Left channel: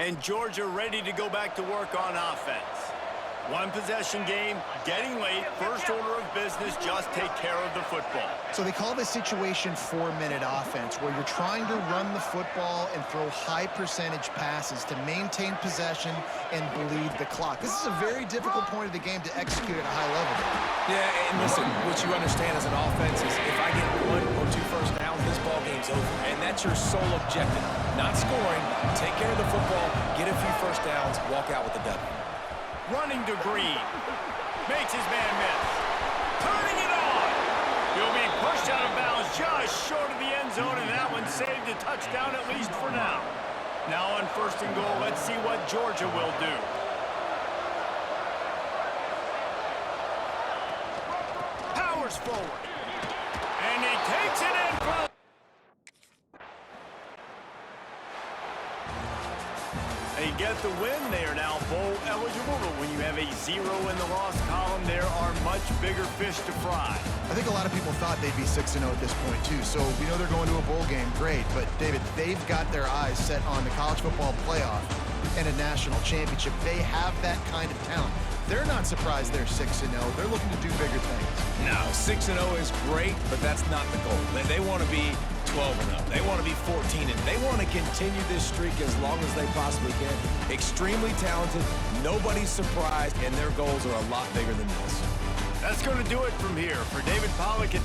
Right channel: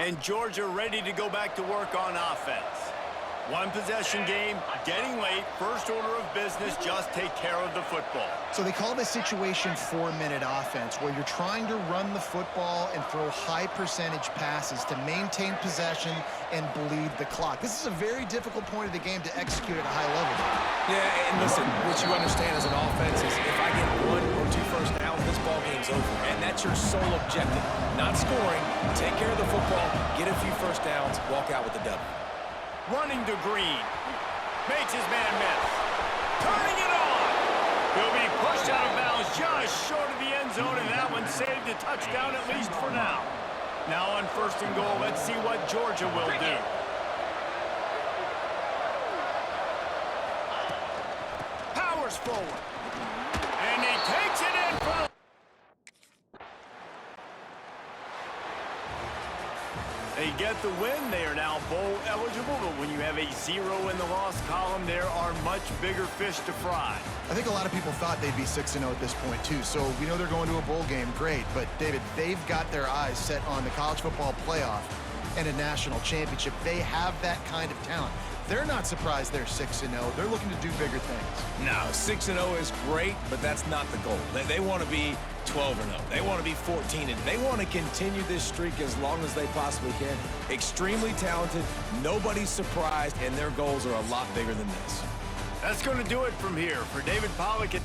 And Georgia ready to go back to work on offense. One possession game, getting late, first order of business, just take care of the football. So they call this situation 4-minute offense, where you're trying to run the football and throw high percentage passes to maintain possession and bleed the clock. This is a very difficult point of the game to execute at a high level. Yeah, and listen, what you understand as an offense is if I get 1 or 2 first downs, this ball game's over. And that's your sole objective. Not scoring, take care of the football, get a few first downs, walk out with the W. Running to Green. Makes his man miss. Turning it on. He'll be pushed out of bounds just short of the end zone, and that one saved a touchdown at least for now. Now on 1st and goal, let's see what Georgia will do. Powers forward. And he takes it in for... They get the win. They are now bowl eligible, but when you have a 0 in the loss column, there are much bigger fish to fry. I think a lot of people thought they'd be 6-0 at this point, too. So we know they're going to a bowl game. Great. But, David, they've got their eyes set on the college football playoff and a national championship. They have that kind of talent. They're not surprised they're 6-0. They're looking to do bigger things. No, 6-0 is great, but that's not the goal. They want to be 12-0. They want to be 14-0. They want to continue this streak as long as they possibly can. Extremely talented. Nobody's surprised, and their goals are a lot bigger than this. That's going to do it from here. For David Pollack and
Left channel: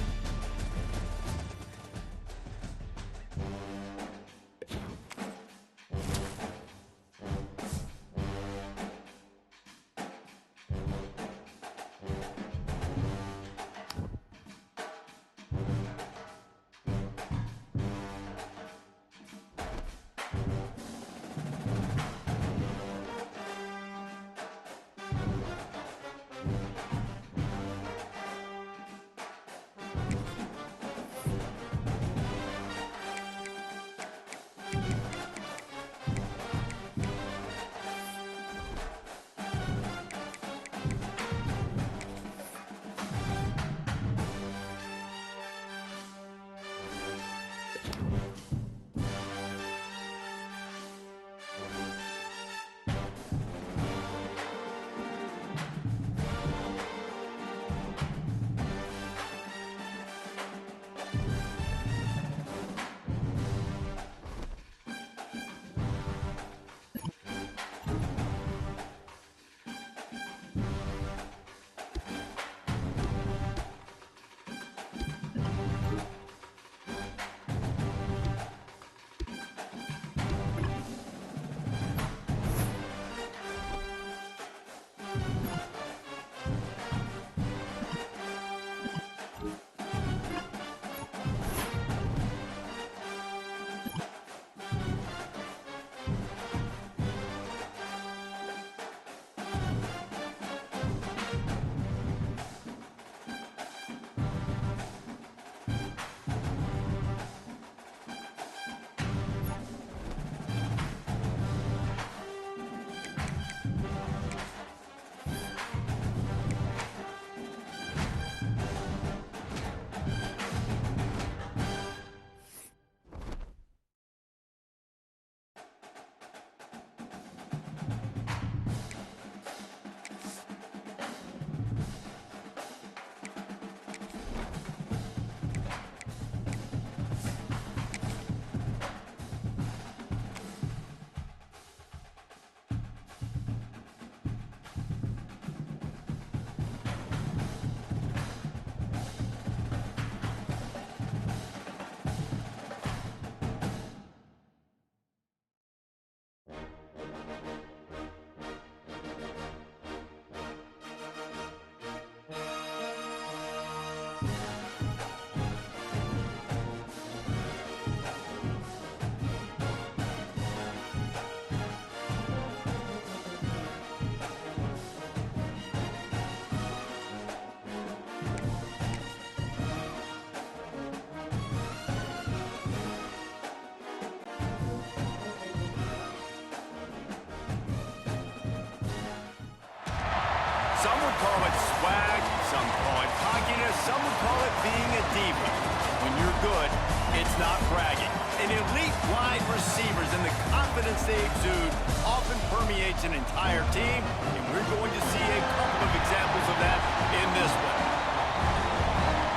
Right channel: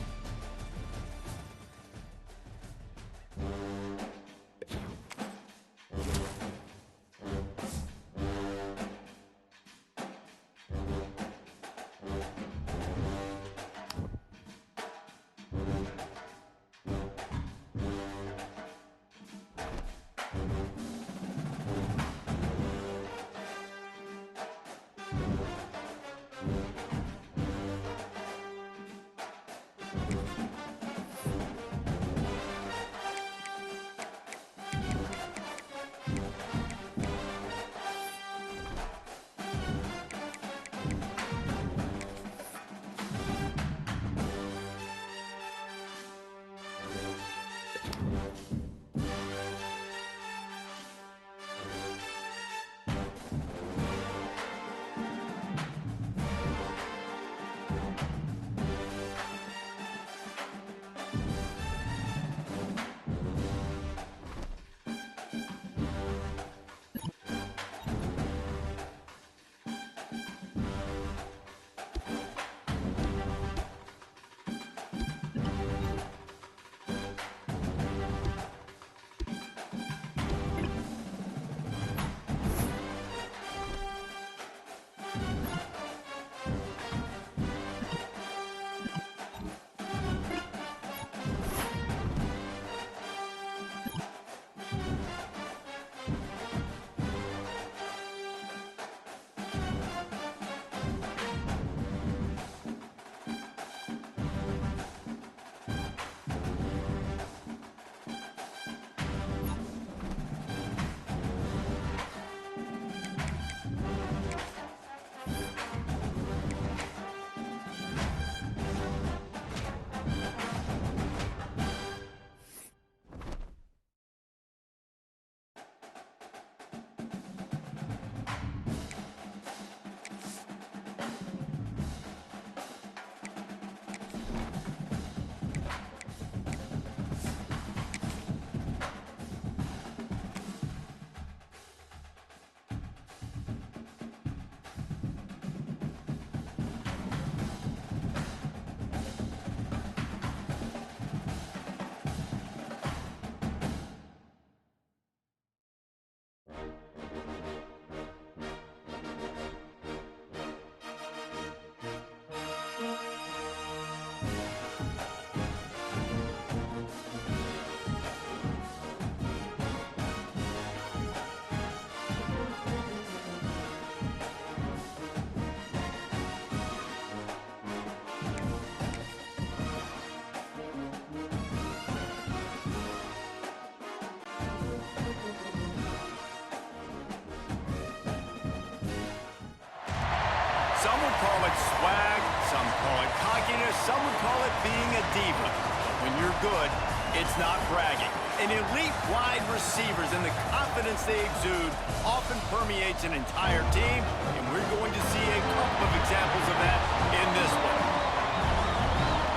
some would call it swag, some call it cockiness, some would call it being a diva. But when you're good, It's not bragging. An elite wide receivers and the confidence they exude often permeates an entire team, and we're going to see a couple of examples of that in this one.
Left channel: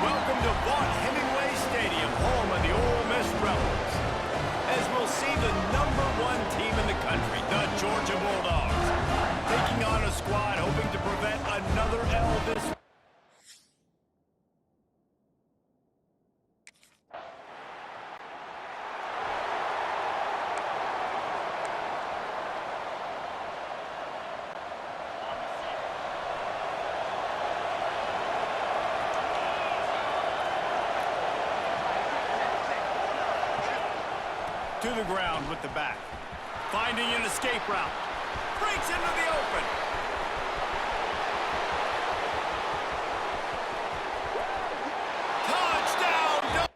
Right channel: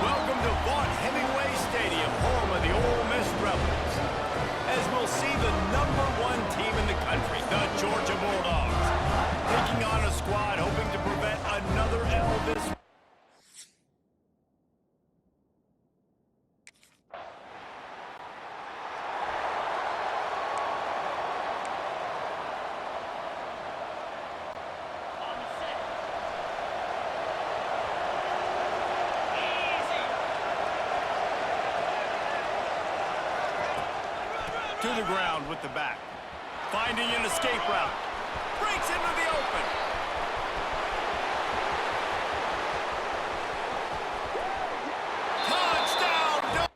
Welcome to Vaught-Hemingway Stadium, home of the Ole Miss Rebels, as we'll see the #1 team in the country, the Georgia Bulldogs, taking on a squad hoping to prevent another L this week. To the ground with the back. Finding an escape route. Breaks into the open. Touchdown!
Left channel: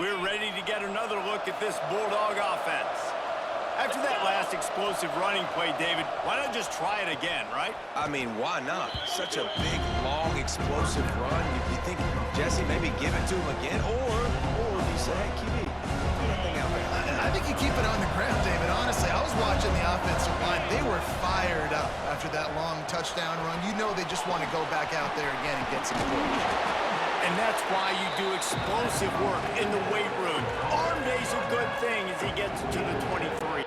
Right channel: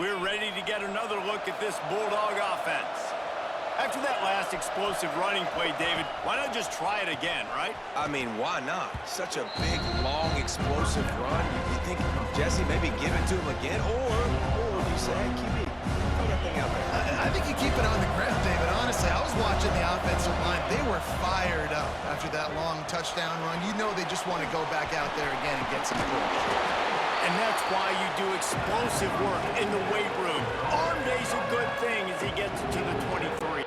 We're ready to get another look at this Bulldog offense. After that last explosive running play, David, why not just try it again, right? I mean, why not? Such a big, long, explosive run. You think, Jesse, maybe give it to him again? Or do you say, hey, QB, throw that thing out there? I think you keep it on the ground, David. Honestly, I was watching the offensive line. They were fired up after that long touchdown run. You know they just want to go back out there again and get some push. And that's why you do explosive work in the weight room. Arm day's a good thing as he gets to the 23.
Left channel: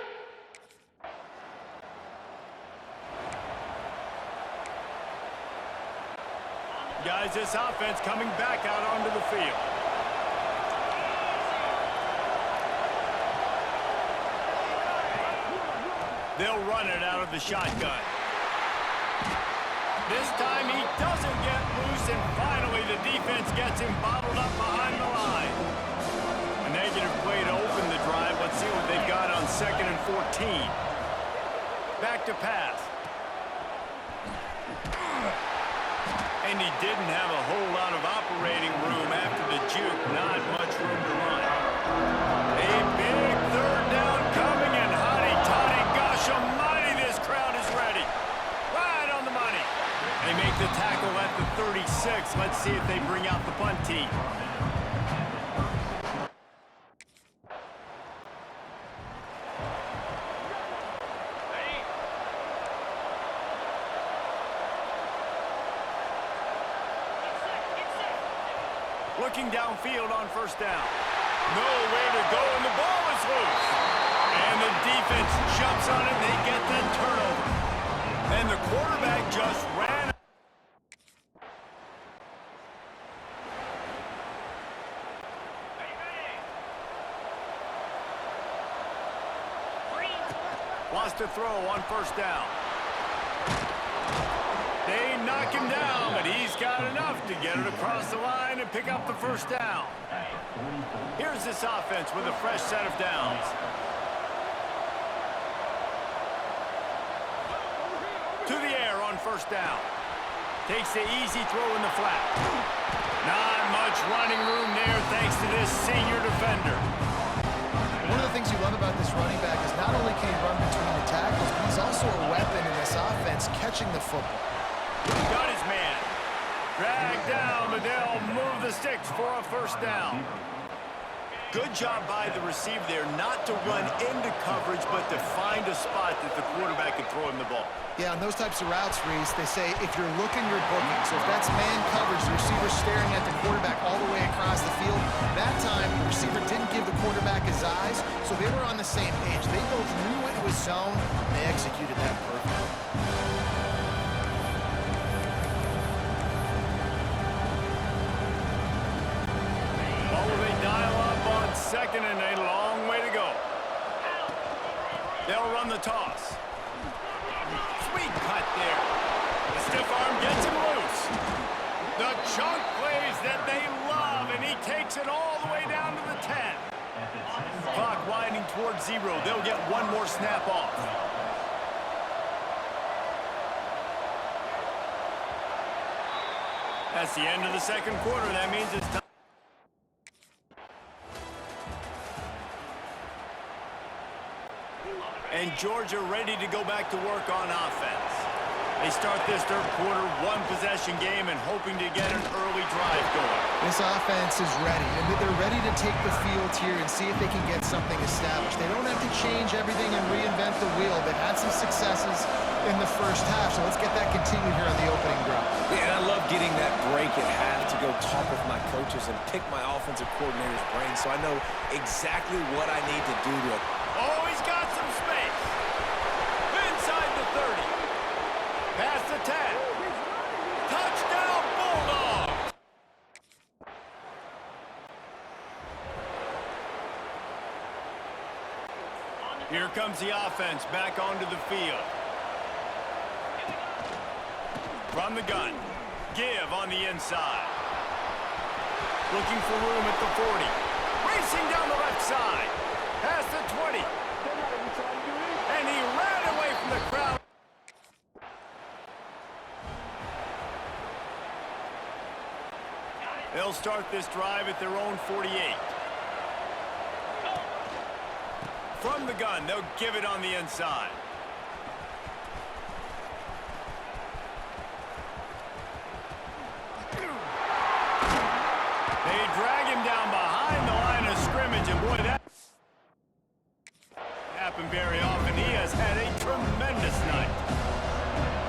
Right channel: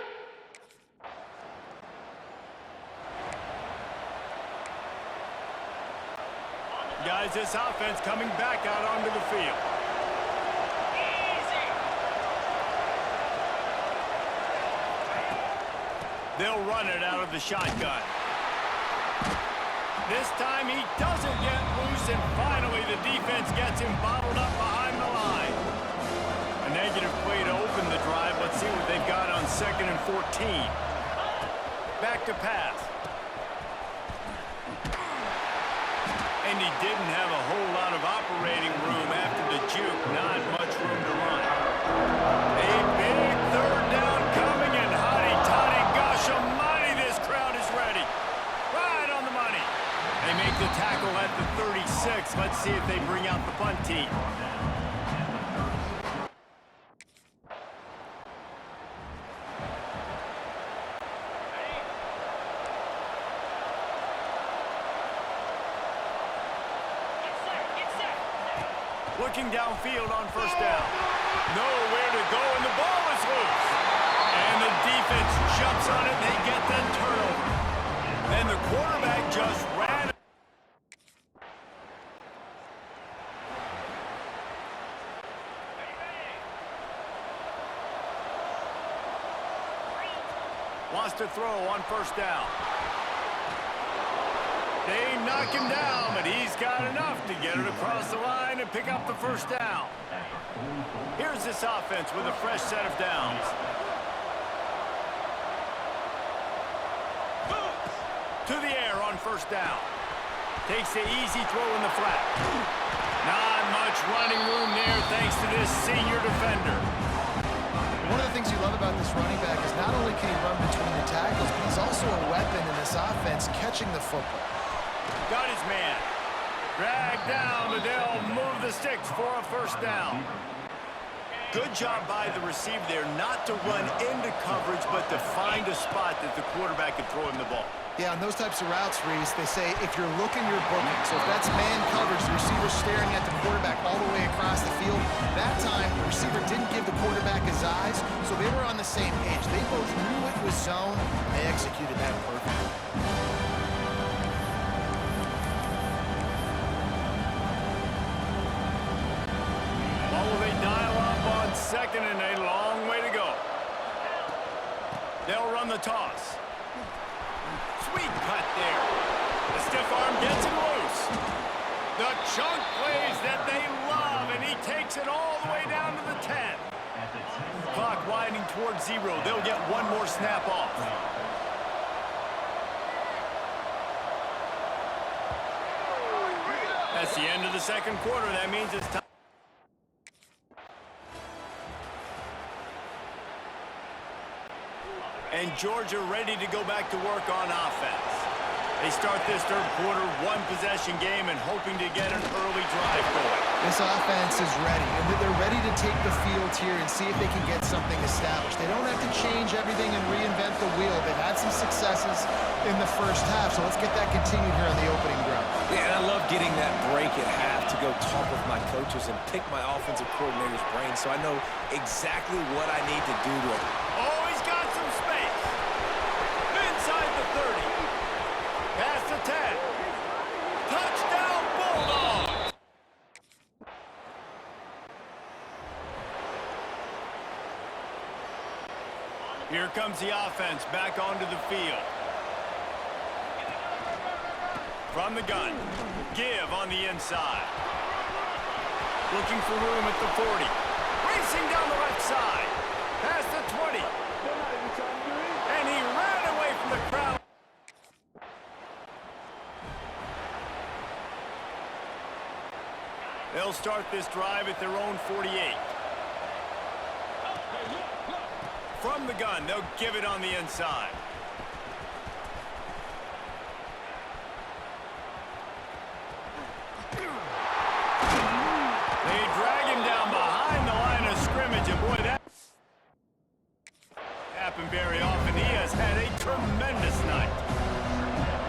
Guys, this offense coming back out onto the field. They'll run it out of the shotgun. This time he doesn't get loose, and finally the defense gets him bottled up behind the line. A negative play to open the drive. Let's see what they've got on 2nd and 14. Back to pass. And he didn't have a whole lot of operating room after the juke. Not much room to run. A big 3rd down coming, and hotty-toddy, gosh almighty, this crowd is ready. Right on the money. They make the tackle at the 36. Let's see if they bring out the punt team. Looking downfield on 1st down. Nowhere to go, and the ball is loose. And the defense jumps on it, and they get that turnover. And the quarterback just ran. Wants to throw on 1st down. They knock him down, but he's got enough to get it across the line and pick up the 1st down. Here's this offense with a fresh set of downs. To the air on 1st down. Takes the easy throw in the flat. Not much running room there thanks to this senior defender. One of the things you love about this running back is not only can he run between the tackles, but he's also a weapon in this offense catching the football. Got his man. Dragged down, but they'll move the sticks for a 1st down. Good job by the receiver there not to run into coverage, but to find a spot that the quarterback can throw him the ball. Yeah, on those types of routes, Reese, they say if you're looking, you're booking. So if that's man coverage, the receiver's staring at the quarterback all the way across the field. That time, the receiver didn't give the quarterback his eyes, so they were on the same page. They both knew it was zone, and they executed that perfectly. What will they dial up on 2nd, and a long way to go? They'll run the toss. Sweet cut there. The stiff arm gets him loose. The chunk plays that they love, and he takes it all the way down to the 10. Clock winding towards 0. They'll get one more snap off. That's the end of the 2nd quarter. That means it's time. And Georgia ready to go back to work on offense. They start this third quarter, one-possession game, and hoping to get an early drive going. This offense is ready, and they're ready to take the field here and see if they can get something established. They don't have to change everything and reinvent the wheel. They've had some successes in the first half, so let's get that continued here on the opening drive. Yeah, and I love getting that break at half to go talk with my coaches and pick my offensive coordinator's brain so I know exactly what I need to do to it. Oh, he's got some space. Inside the 30. Past the 10. Touchdown, Bulldogs! Here comes the offense back onto the field. From the gun. Give on the inside. Looking for room at the 40. Racing down the left side. Past the 20. And he ran away from the crowd. They'll start this drive at their own 48. From the gun, they'll give it on the inside. They drag him down behind the line of scrimmage, and boy, that happen very often. He has had a tremendous night.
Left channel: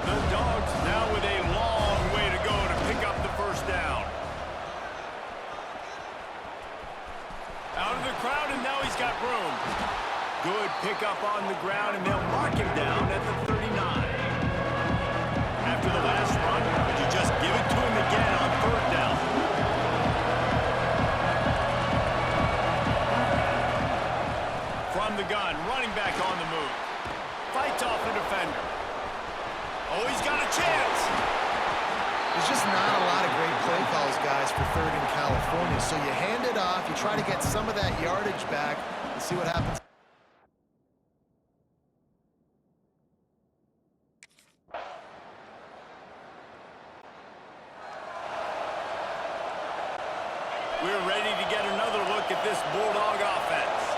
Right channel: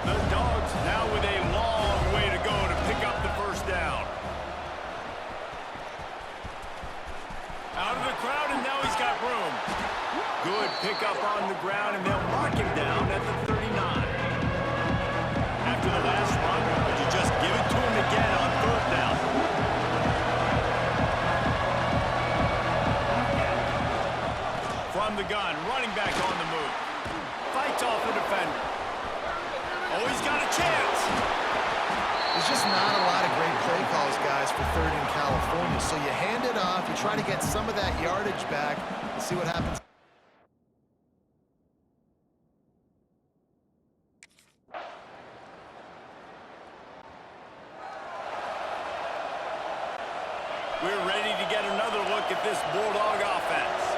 The Dogs now with a long way to go to pick up the first down. Out of the crowd, and now he's got room. Good pickup on the ground, and they'll mark him down at the 39. After the last run, would you just give it to him again on third down? From the gun, running back on the move. Fights off a defender. Oh, he's got a chance. There's just not a lot of great play calls, guys, for third in California. So you hand it off, you try to get some of that yardage back, and see what happens. We're ready to get another look at this Bulldog offense.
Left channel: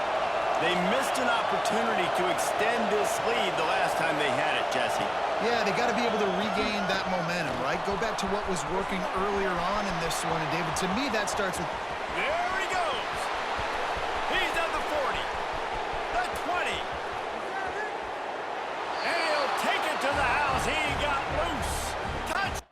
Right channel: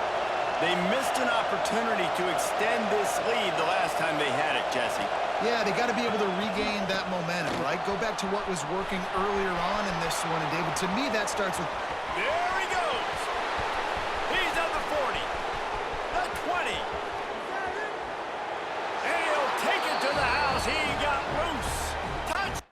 They missed an opportunity to extend this lead the last time they had it, Jesse. Yeah, they got to be able to regain that momentum, right? Go back to what was working earlier on in this one. And, David, to me, that starts with... There he goes. He's at the 40. The 20. And he'll take it to the house. He got loose. Touch.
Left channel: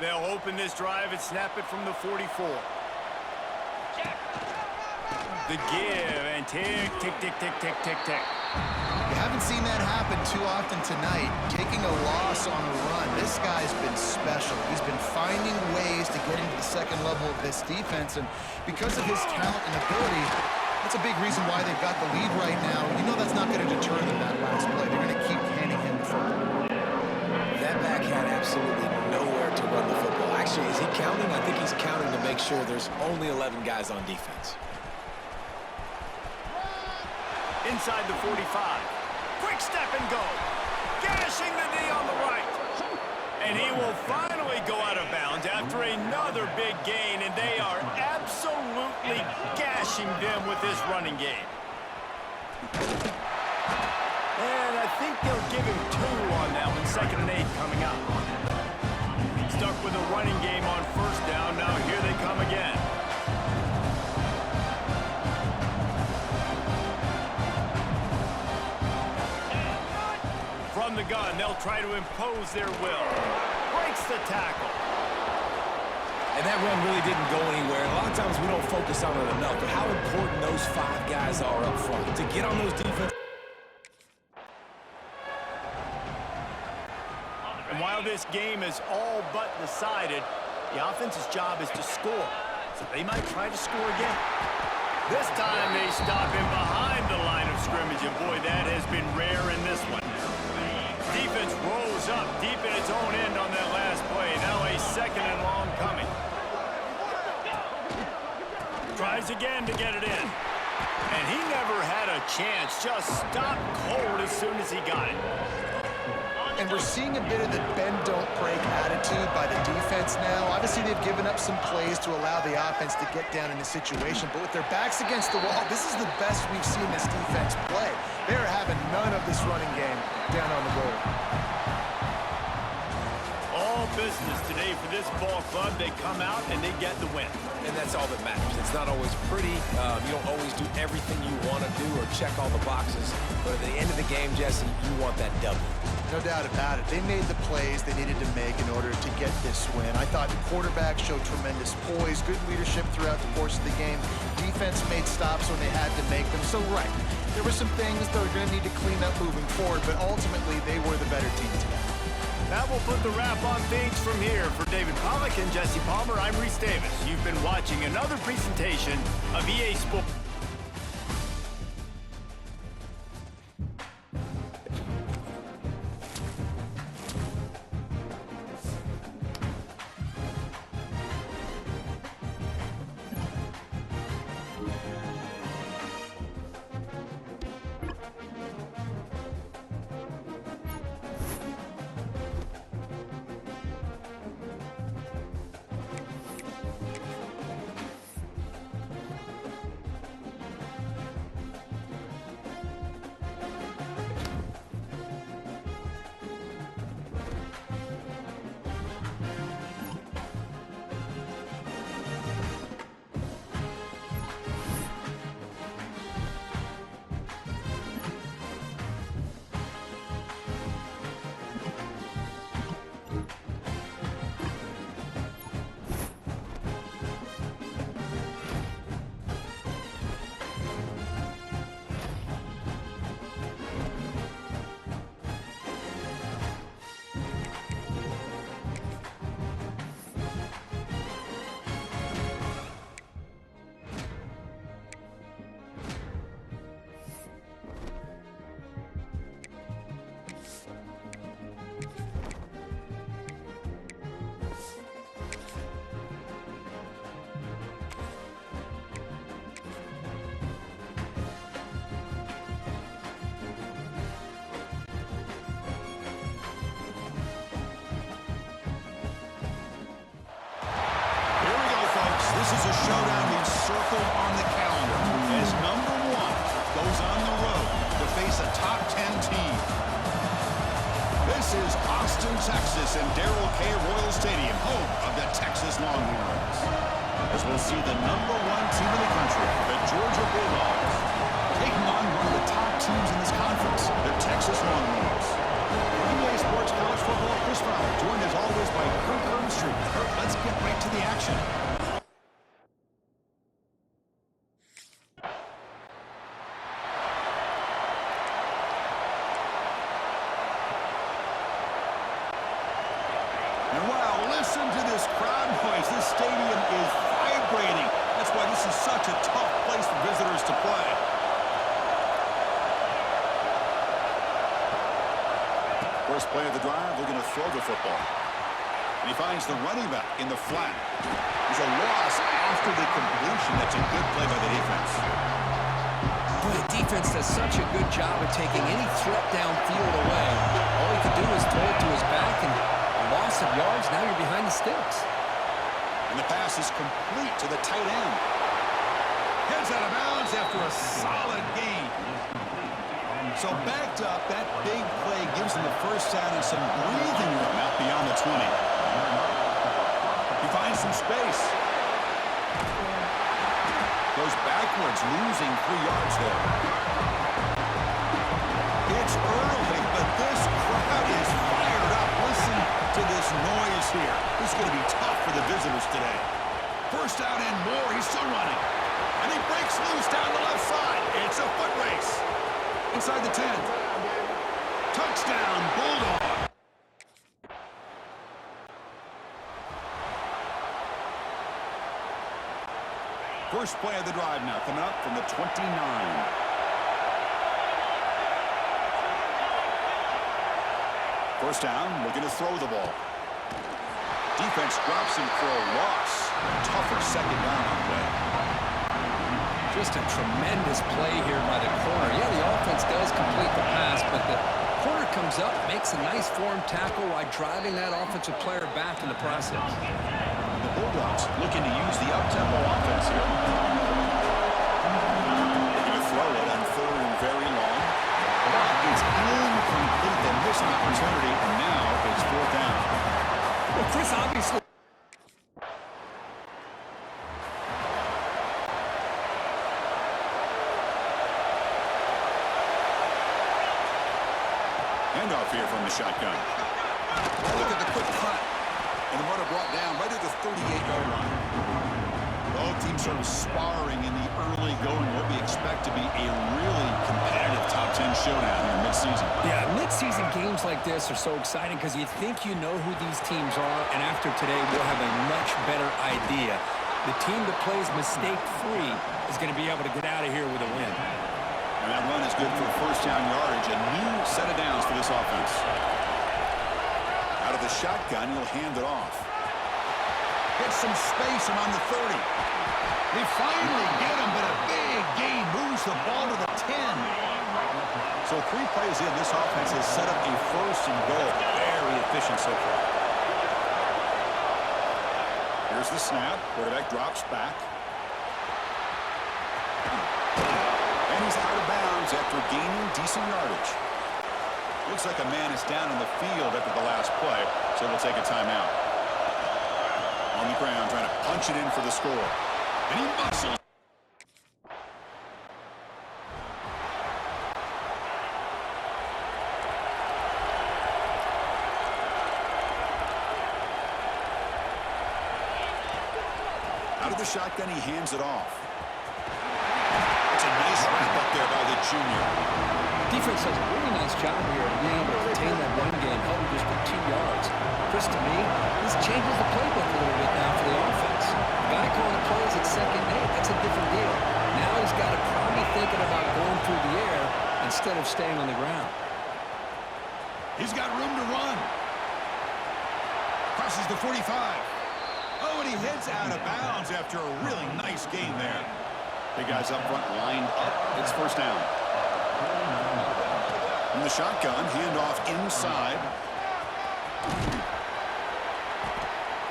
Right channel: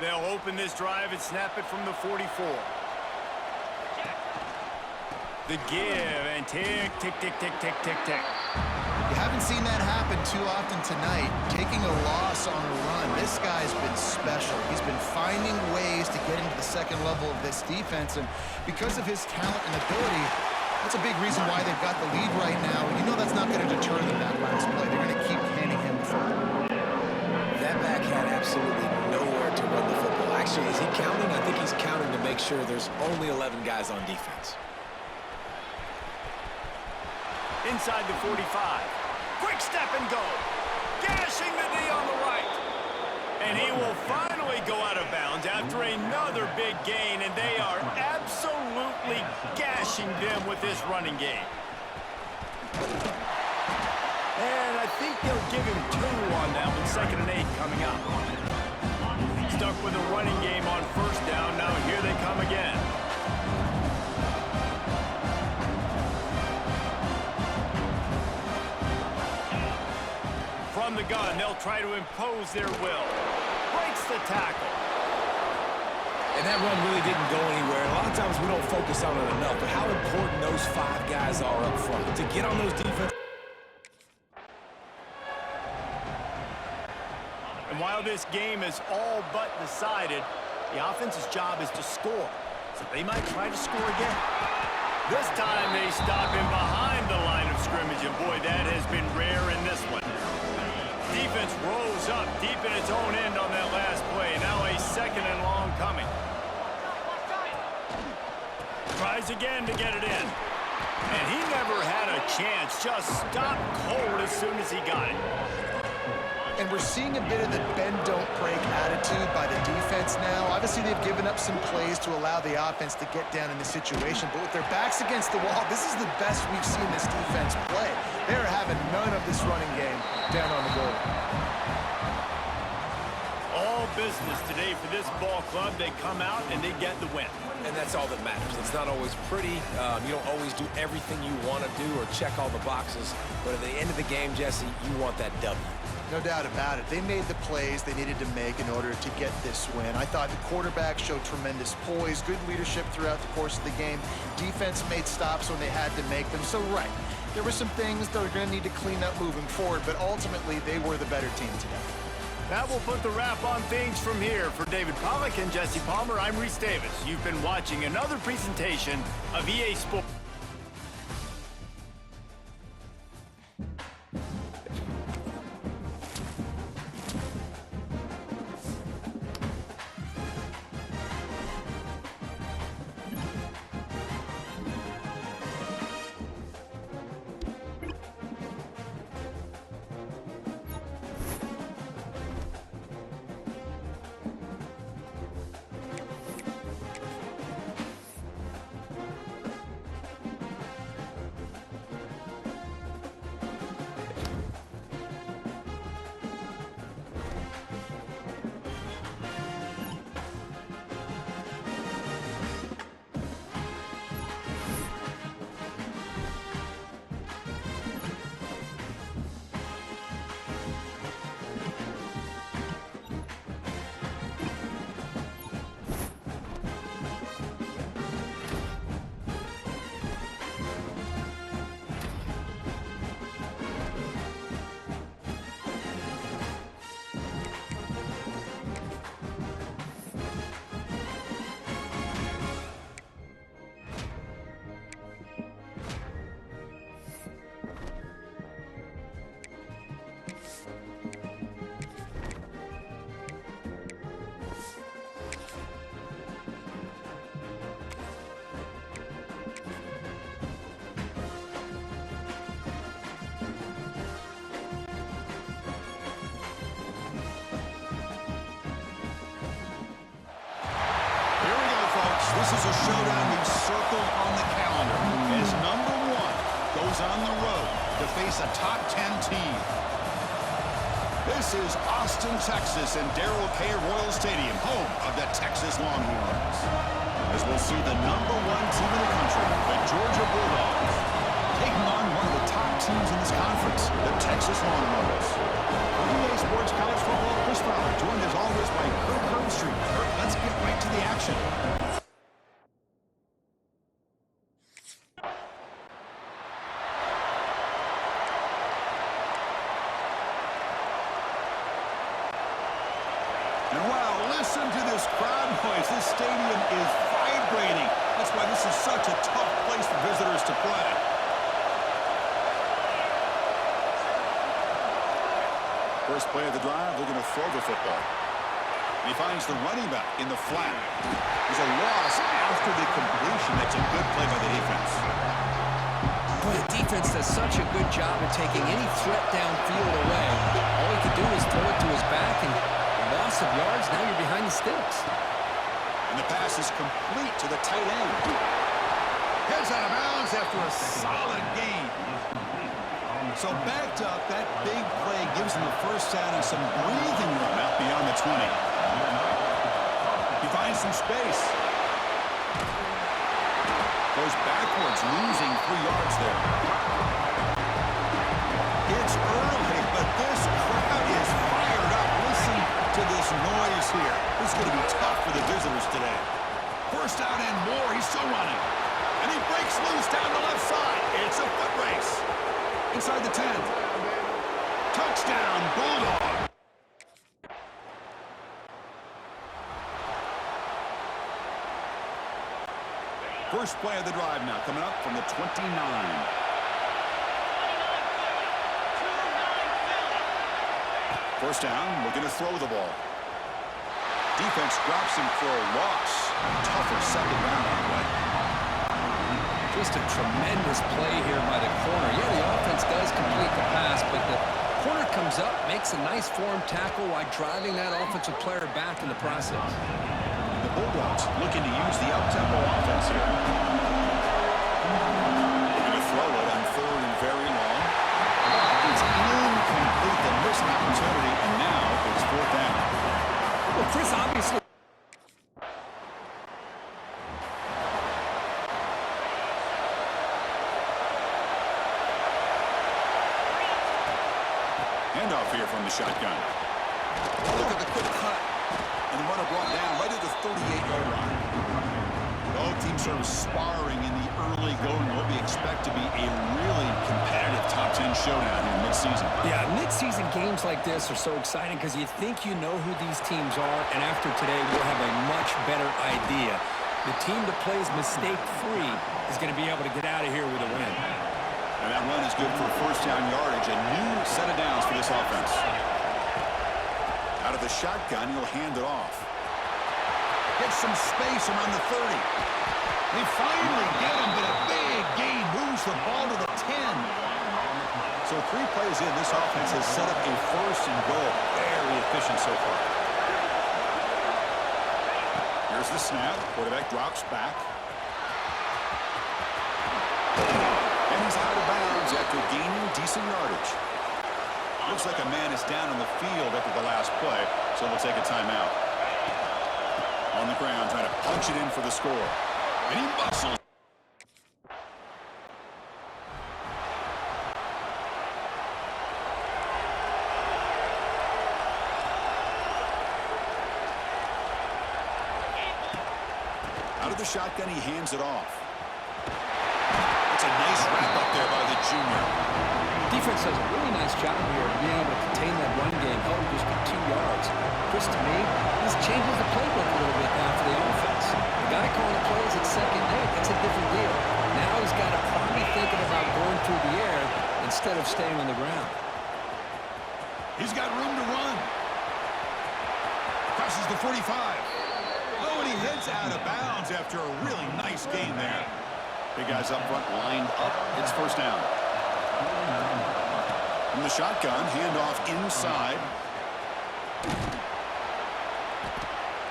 They'll open this drive and snap it from the 44. The give and tick, tick, tick, tick, tick, tick, tick. You haven't seen that happen too often tonight, taking a loss on a run. This guy's been special. He's been finding ways to get into the second level of this defense, and because of his talent and ability, that's a big reason why they've got the lead right now. You know that's not going to deter them that last play. They're going to keep handing him the football. That back had absolutely nowhere to run the football. Actually, is he counting? I think he's counting to make sure there's only 11 guys on defense. Inside the 45. Quick step and go. Gashing the knee on the right. And he will finally go out of bounds after another big gain, and they are absolutely gashing them with this running game. And I think they'll give him 2 on that one. 2nd and 8 coming up. Stuck with a running game on first down. Now here they come again. From the gun, they'll try to impose their will. Breaks the tackle. And that run really didn't go anywhere. A lot of times we don't focus on it enough, but how important those 5 guys are up front to get on those defense. And while this game is all but decided, the offense's job is to score. So they might try to score again. This time they stop him behind the line of scrimmage, and boy, that has been rare in this one. Defense rolls up deep in its own end on that last play. Now a 2nd and long coming. Tries again to get it in. And he never had a chance. Just stopped cold as soon as he got it. And we're seeing a bit of the bend-don't-break attitude by the defense now. Obviously, they've given up some plays to allow the offense to get down in the situation, but with their backs against the wall, this is the best we've seen this defense play. They're having none of this running game down on the goal. All business today for this ball club. They come out and they get the win. And that's all that matters. It's not always pretty. You don't always do everything you want to do or check all the boxes. But at the end of the game, Jesse, you want that W. No doubt about it. They made the plays they needed to make in order to get this win. I thought the quarterback showed tremendous poise, good leadership throughout the course of the game. Defense made stops when they had to make them. So, right, there were some things that are going to need to clean up moving forward, but ultimately they were the better team today. That will put the wrap on things from here. For David Pollack and Jesse Palmer, I'm Reese Davis. You've been watching another presentation of EA Sports. This is a showdown we've circled on the calendar as number one goes on the road to face a top 10 team. This is Austin, Texas, and Darrell K. Royal Stadium, home of the Texas Longhorns. As we'll see the number one team in the country, the Georgia Bulldogs, taking on one of the top teams in this conference, the Texas Longhorns. For EA Sports College Football, Chris Fowler, joined as always by Kirk Herbstreit. Kirk, let's get right to the action. And wow, listen to this crowd noise. This stadium is vibrating. That's why this is such a tough place for visitors to play. First play of the drive, they're going to throw the football. And he finds the running back in the flat. There's a loss after the completion. That's a good play by the defense. Boy, the defense does such a good job of taking any threat downfield away. All he could do is throw it to his back, and loss of yards, now you're behind the sticks. And the pass is complete to the tight end. Heads out of bounds after a solid gain. So backed up, that big play gives them the first down and some breathing room out beyond the 20. He finds some space. Goes backwards, losing 3 yards there. It's early, but this crowd is fired up. Listen to this noise here. This is going to be tough for the visitors today. First down and more. He's still running. And he breaks loose down the left side. It's a foot race. Inside the 10. Touchdown, Bulldog. First play of the drive now, coming up from the 29. First down, looking to throw the ball. Defense drops him for a loss. Tougher second down on the way. Just a tremendous play here by the corner. Yeah, the offense does complete the pass, but the Corner comes up, makes a nice form tackle while driving that offensive player back in the process. The Bulldogs looking to use the up-tempo offense here. They're going to throw it on 3rd and very long. But it's incomplete. They miss an opportunity, and now it's 4th down. Well, Chris, obviously... Handoff here from the shotgun. Look at the quick cut. And the runner brought down right at the 38-yard line. Both teams sort of sparring in the early going. What we expect to be a really competitive top 10 showdown here mid-season. Yeah, mid-season games like this are so exciting because you think you know who these teams are, and after today, we'll have a much better idea. The team that plays mistake-free is going to be able to get out of here with a win. And that run is good for 1st down yardage. A new set of downs for this offense. Out of the shotgun, he'll hand it off. Gets some space around the 30. They finally get him, but a big gain moves the ball to the 10. So 3 plays in, this offense has set up a 1st and goal. Very efficient so far. Here's the snap. Quarterback drops back. And he's out of bounds after gaining decent yardage. Looks like a man is down on the field after the last play, so they'll take a timeout. On the ground, trying to punch it in for the score. And he muscles. Out of the shotgun, he hands it off. It's a nice wrap up there by the junior. Defense does a really nice job here of being able to contain that run game, held him just for 2 yards. Chris, to me, this changes the playbook a little bit now for the offense. The guy calling the plays at 2nd and 8, that's a different deal. Now he's got to probably thinking about going through the air instead of staying on the ground. He's got room to run. Crosses the 45. Oh, and he heads out of bounds after a really nice gain there. Big guys up front lined up. It's 1st down. From the shotgun, handoff inside.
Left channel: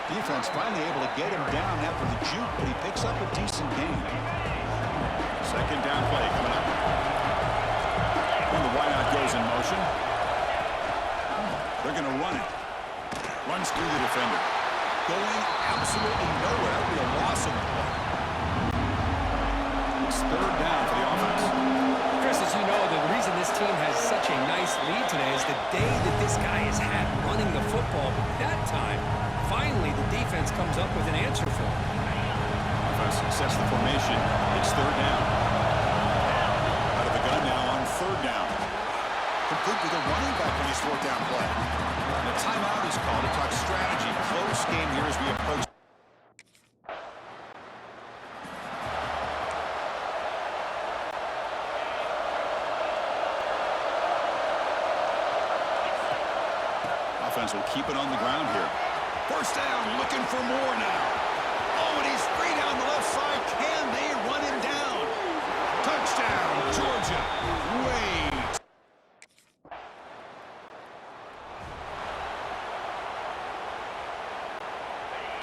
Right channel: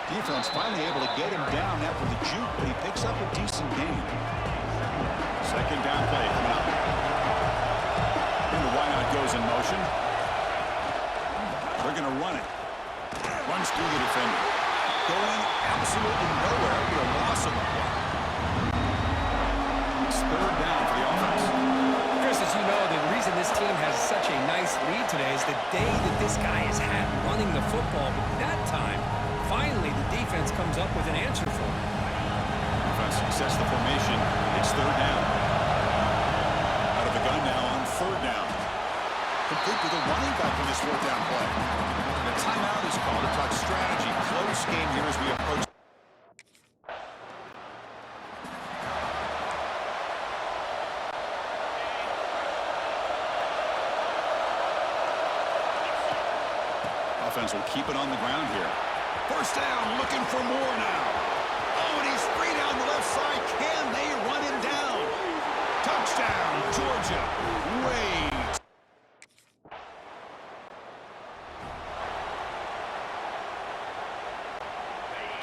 Defense finally able to get him down after the juke, but he picks up a decent gain. 2nd down play coming up. And the wideout goes in motion. They're going to run it. Runs through the defender. Going absolutely nowhere with a loss on the play. It's 3rd down for the offense. Chris, as you know, the reason this team has such a nice lead today is the day that this guy has had running the football. But that time, finally, the defense comes up with an answer for him. Offense sets the formation. It's 3rd down. Out of the gun now on 3rd down. Complete to the running back on this 4th down play. And a timeout is called to talk strategy. Close game here as we approach. Offense will keep it on the ground here. 1st down, looking for more now. Oh, and he's free down the left side. Can they run him down? Touchdown, Georgia. Wait.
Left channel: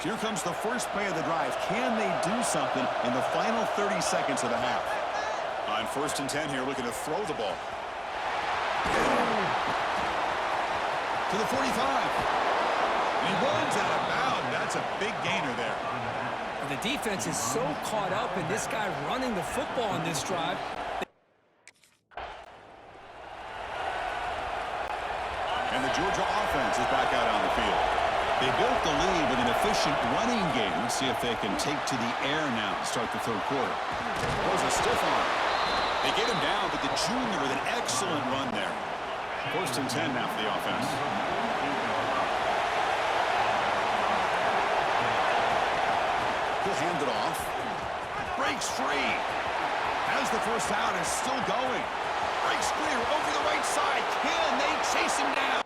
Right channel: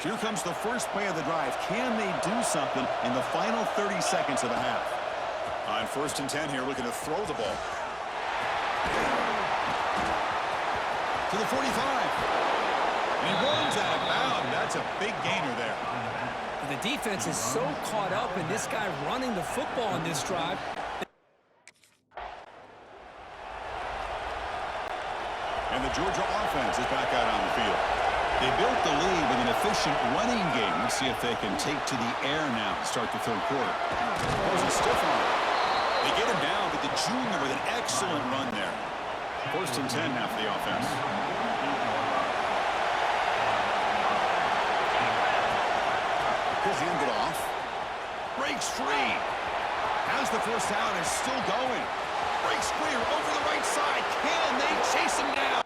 Here comes the first play of the drive. Can they do something in the final 30 seconds of the half? On 1st and 10 here, looking to throw the ball. To the 45. And he runs out of bounds. That's a big gainer there. The defense is so caught up in this guy running the football on this drive. And the Georgia offense is back out on the field. They built the lead with an efficient running game. Let's see if they can take to the air now to start the 3rd quarter. Goes a stiff arm. They get him down, but the junior with an excellent run there. 1st and 10 now for the offense. He'll hand it off. Breaks free. Has the 1st out, is still going. Breaks clear over the right side. Can they chase him down?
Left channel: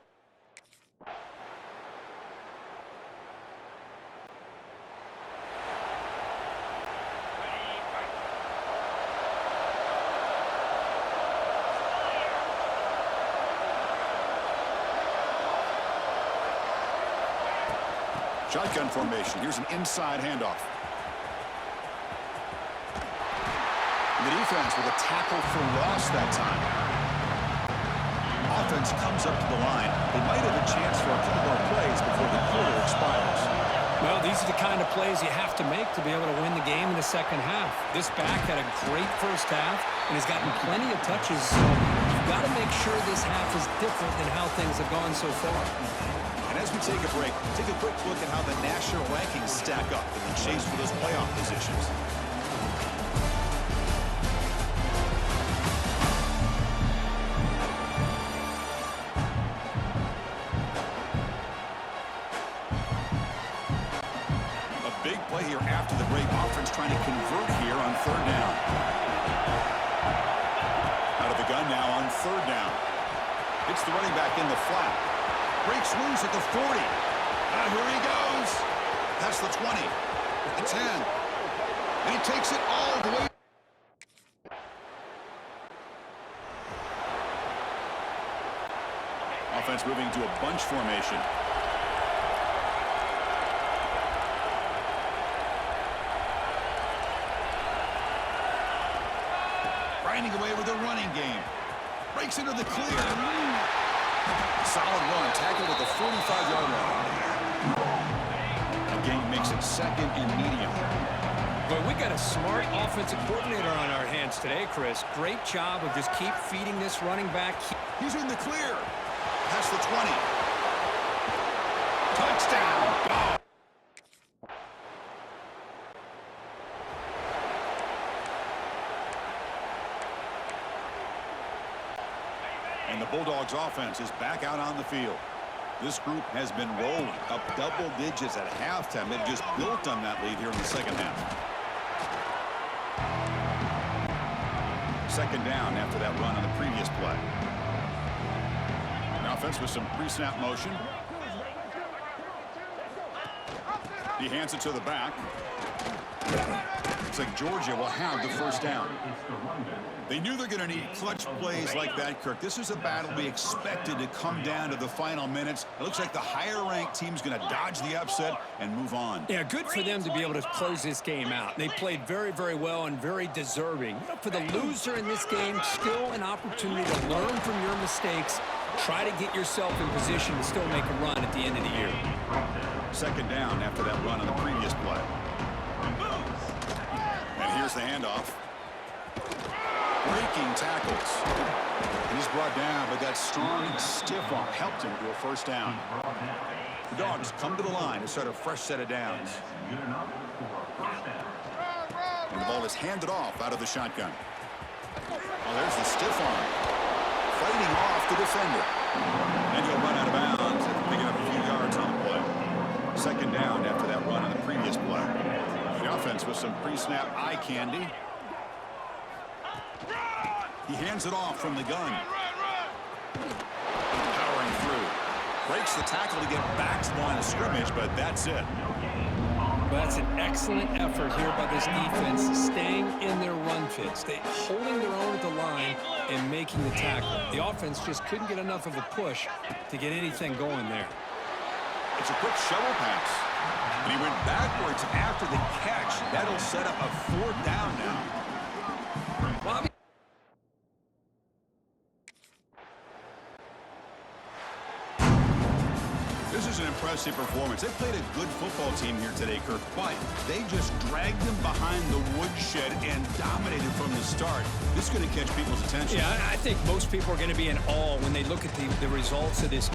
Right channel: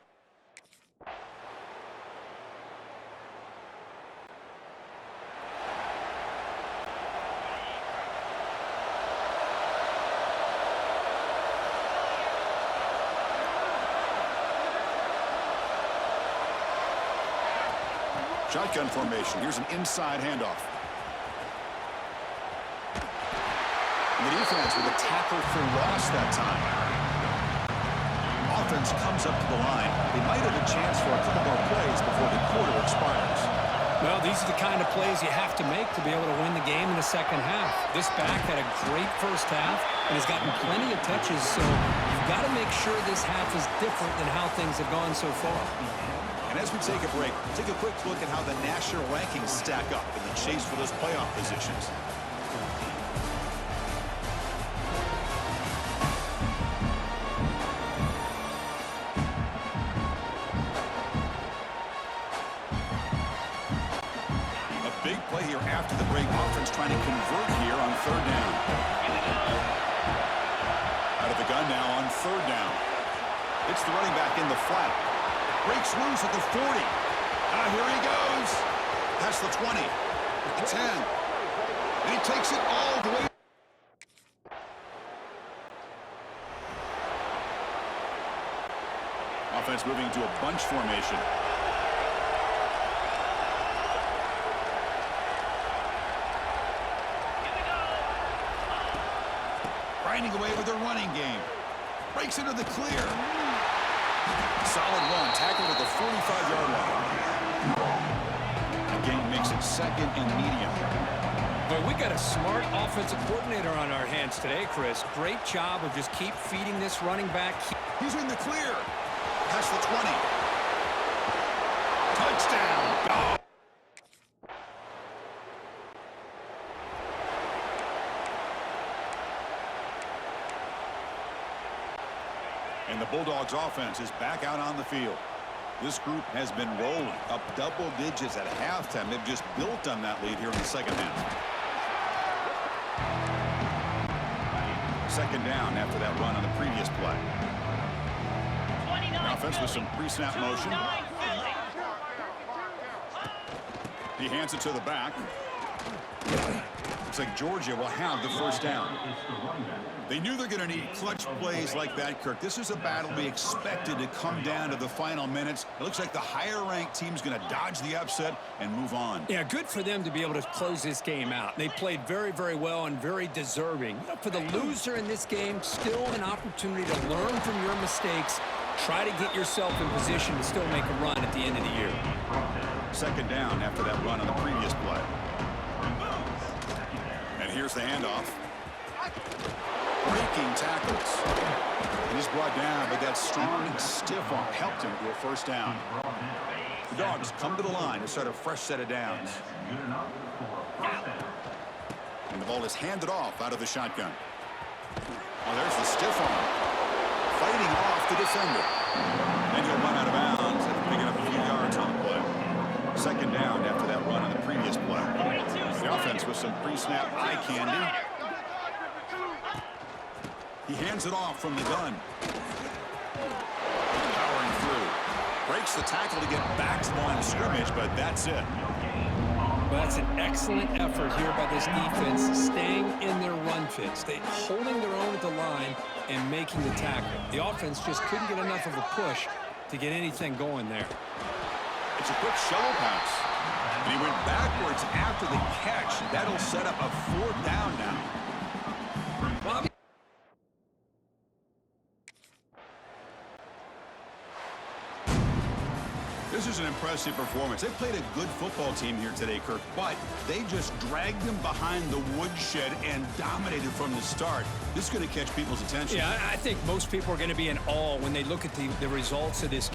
Shotgun formation. Here's an inside handoff. The defense with a tackle for loss that time. Offense comes up to the line. They might have a chance for a couple more plays before the quarter expires. Well, these are the kind of plays you have to make to be able to win the game in the second half. This back had a great first half and has gotten plenty of touches, so you've got to make sure this half is different than how things have gone so far. And as we take a break, take a quick look at how the national rankings stack up in the chase for those playoff positions. Big play here after the break. Offense trying to convert here on third down. Out of the gun now on third down. It's the running back in the flat. Breaks loose at the 40. Here he goes. Past the 20. The 10. And he takes it all the way. Offense moving to a bunch formation. Grinding away with a running game. Breaks into the clear. Solid run. Tackled at the 45-yard line. A gain makes it second and medium. But we got a smart offensive coordinator on our hands today, Chris. Great job of just keep feeding this running back. He's in the clear. Past the 20. Touchdown. Dog. And the Bulldogs offense is back out on the field. This group has been rolling up double digits at halftime. They've just built on that lead here in the second half. Second down after that run on the previous play. The offense with some pre-snap motion. He hands it to the back. Looks like Georgia will have the first down. They knew they're going to need clutch plays like that, Kirk. This is a battle we expected to come down to the final minutes. It looks like the higher-ranked team's going to dodge the upset and move on. Yeah, good for them to be able to close this game out. They played very, very well and very deserving. For the loser in this game, still an opportunity to learn from your mistakes. Try to get yourself in position to still make a run at the end of the year. Second down after that run on the previous play. And here's the handoff. Breaking tackles. And he's brought down, but that strong and stiff arm helped him to a first down. The Dogs come to the line to start a fresh set of downs. And the ball is handed off out of the shotgun. Oh, there's the stiff arm. Fighting off the defender. And he'll run out of bounds after picking up a few yards on the play. Second down after that run on the previous play. The offense with some pre-snap eye candy. He hands it off from the gun. Powering through. Breaks the tackle to get back to the line of scrimmage, but that's it. Well, that's an excellent effort here by this defense, staying in their run fits. They holding their own at the line and making the tackle. The offense just couldn't get enough of a push to get anything going there. It's a quick shovel pass. And he went backwards after the catch. That'll set up a fourth down now. Bobby. This is an impressive performance. They played a good football team here today, Kirk, but they just dragged them behind the woodshed and dominated from the start. This is going to catch people's attention. Yeah, I think most people are going to be in awe when they look at the results of this